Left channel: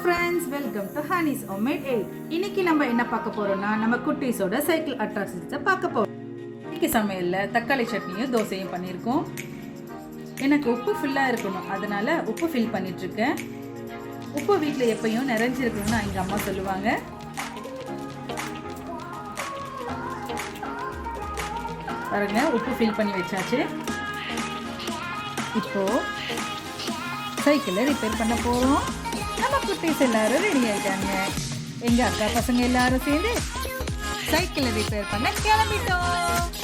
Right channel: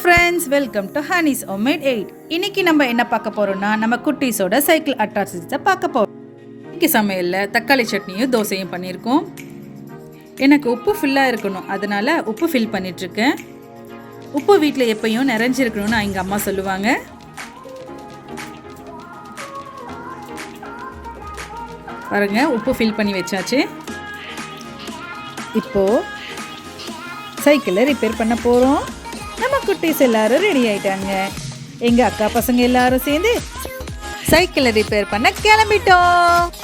Friends, welcome to Honey's homemade 8. இன்னைக்கு நம்ம என்ன பார்க்க போறோம்னா நம்ம குட்டீஸோட சைக்கிள் அட்ராசிட்டிஸை பார்க்க போறோம். இன்னைக்கு சமையலில் தக்காளி சட்னியும் தோசையும் பண்ணியிருக்கோம். எனக்கு உப்பு ஃபுல்லாக இருக்கணும், அதனால உப்பு ஃபில் பண்ணிட்டுருக்கேன். உப்பு வீட்டில் எப்பயும் நிறைஞ்சிருக்கணும்னு எங்கள் அம்மா சொல்லுவாங்க. பாருங்க, உப்பு ஃபில் பண்ணி வச்சாச்சு. இப்போது சைக்கிளை ரிப்பேர் பண்ண போகிறோம். நம்ம குட்டீஸ் எல்லாரும் ரெடி ஆயிட்டாங்க. எங்கள் அக்கா பசங்க எல்லாரும் சேர்ந்து சைக்கிளை ரிப்பேர் பண்ண கிளம்பிட்டோம்.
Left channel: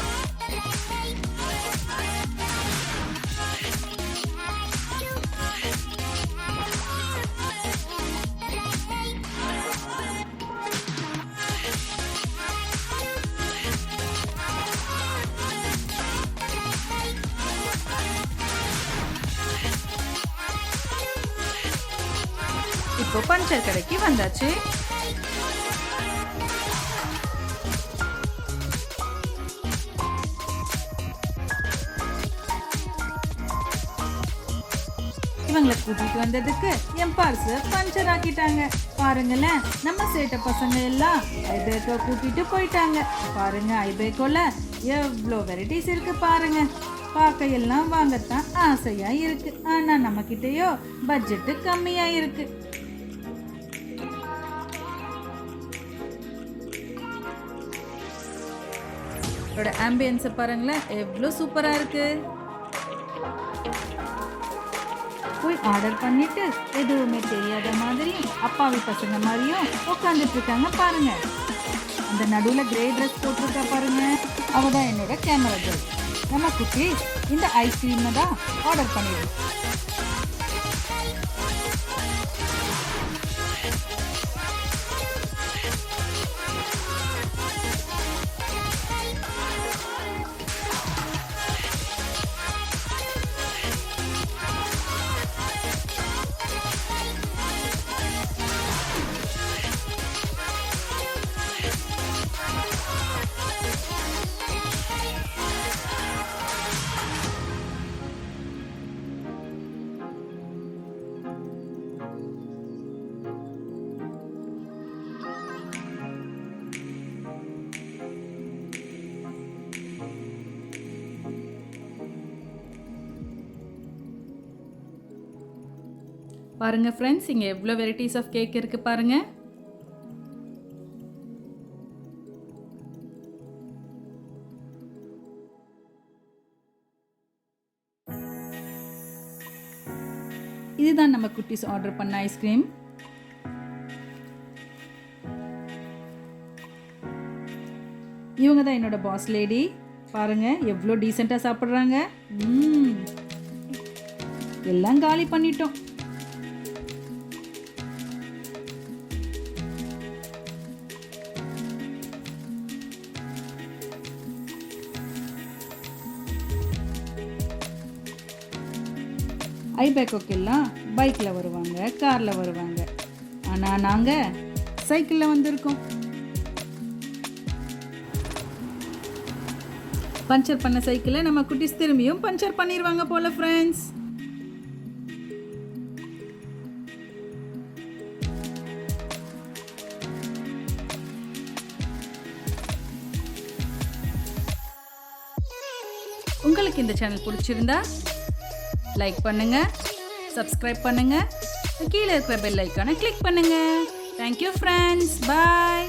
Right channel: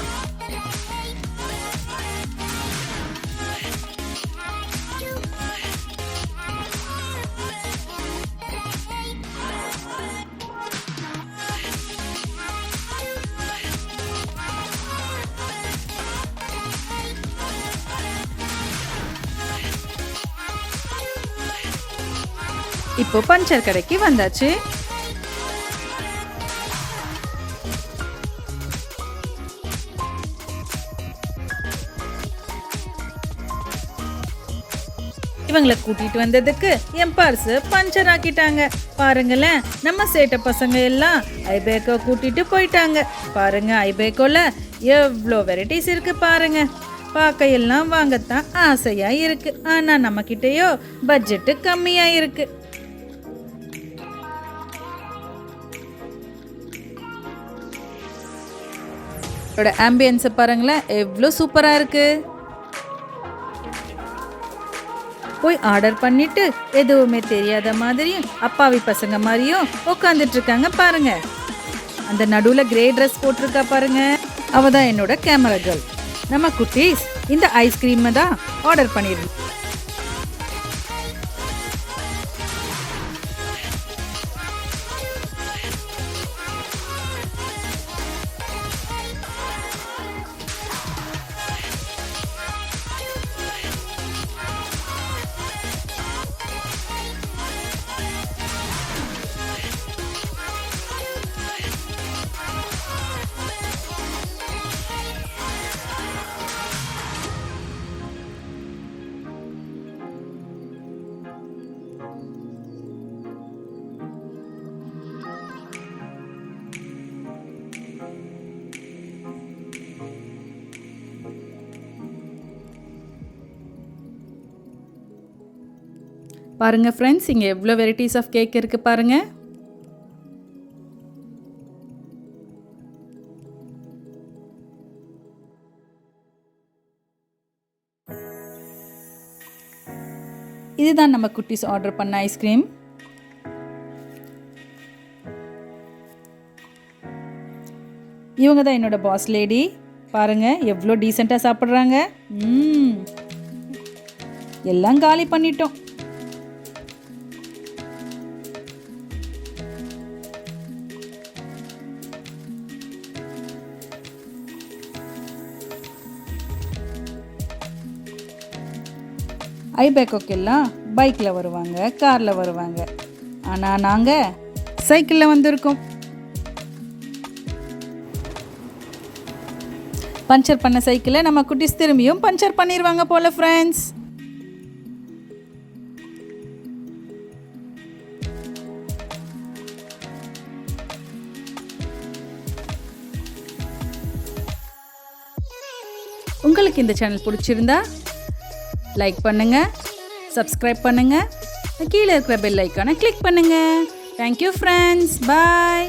இப்போ பஞ்சர் கடைக்கு வந்தாச்சு. இவங்களை கூட்டிட்டு வந்ததுக்கு என் பர்ஸ் பஞ்சர் ஆக்கிட்டாங்க. பாருங்களேன், நம்ம சேட்ட பசங்க எல்லாம் ஐபேக்கோ கூட்டிட்டு போயிட்டாங்க. பாருங்க, ஐபேக்கோல எவ்வளோ வெரைட்டிஸ் இருக்கு பாருங்க. பார்க்க எல்லாம் வாங்கத்தான் ஆசையா இருக்கு, ஆனா நம்ம கிட்டயோ பட்ஜெட்டு கம்மியா இருக்கு. ஆம்பியன்ஸை பாருங்களேன், எவ்வளோ சூப்பராக இருக்கு. போய் ஆர்டர் பண்ணிட்டு எதுவுமே தெரியாத மாதிரியும் அப்பாவி பசங்க மாதிரியும் உட்காந்துட்டு இருக்காங்க பாருங்க. அந்த நடுவில் கிரே ட்ரெஸ் போட்டிருக்கா பாருங்க, அவ தான் என்னோட கேமரா கேர்ள். நம்ம குட்டீஸ் இந்த ஐஸ்கிரீமை தான் ஆர்டர் பண்ணிடுறோம். பாருங்க ஃப்ரெண்ட்ஸ், இங்கே எவ்வளோ வெரைட்டிஸ் ஆஃப் கேக் இருக்கு பாருங்க. இதுதான் நம்ம குட்டீஸ் ஆர்டர் பண்ண ஐஸ்கிரீம். இவங்க தான் என்னோட பாஸ் லேடி. பாருங்க, எவ்வளோ டீசெண்டாக சாப்பிட்றாங்க. எல்லாம் காலி பண்ணிட்டோம். ஐபேக்கோக்கெல்லாம் பைக்கில் வருவாங்க, காரில் வருவாங்க. ஆனால் நாங்கள் சைக்கிளில் வந்திருக்கோம். பஞ்சர் பண்ண சைக்கிளை நம்ம குட்டீஸ் திரும்பியும் பஞ்சர் பண்ணிடுவாங்க போல ஃப்ரெண்ட்ஸ். உங்களுக்கு இந்த சேனல் பிடிச்சிருந்தா லைக் பண்ணுங்க, சப்ஸ்கிரைப் பண்ணுங்க, கீழே இருக்கிற பெல் ஐக்கானை கிளிக் பண்ணுங்க. தேங்க்யூ ஃப்ரெண்ட்ஸ், பாய்.